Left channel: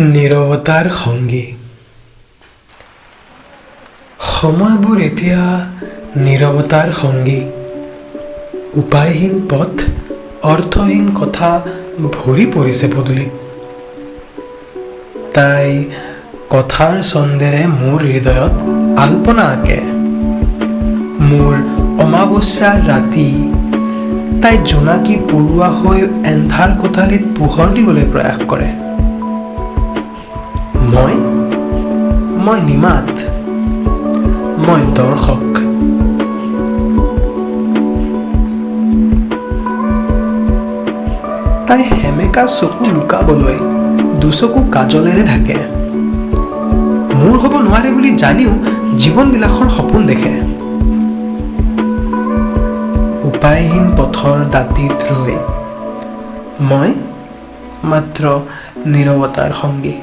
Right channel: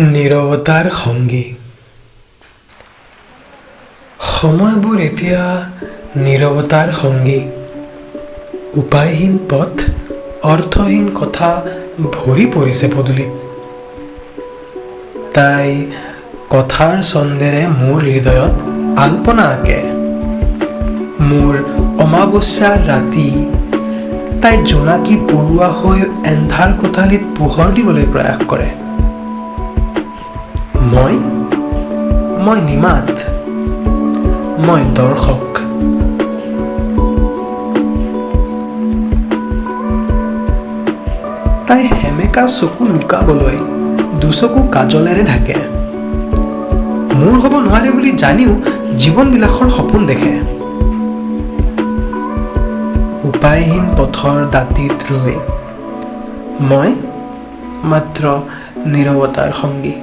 নীৰৱতাৰ সংগী। সময়বোৰ এতিয়া নীৰৱতাৰ সংগী। উপায়হীন পথ, অৰ্থহীন কথা ভৰি পৰিছে পদূলিত। তাই কথাৰ ছন্দেৰে মোৰ হৃদয়ত আলপনা আঁকে। মোৰ অমাৱস্যাৰ ৰাতি তাই জোনাকী পৰুৱা হৈ এন্ধাৰ কোঠালিত পোহৰ দিবলৈ প্ৰয়াস কৰে। মই নিমাত, মই দৰ্শক। তাই সেমেকা চকু লুকাবলৈ দুচকু কাজলেৰে ঢাকে। মোৰ হ'ব নোৱাৰে বুলি জানিও জীৱন বিলাসৰ সপোন দেখে। উপায়হীন পথৰ দাঁতিত ৰৈ মই মাত্ৰ নীৰৱতাৰ সংগী।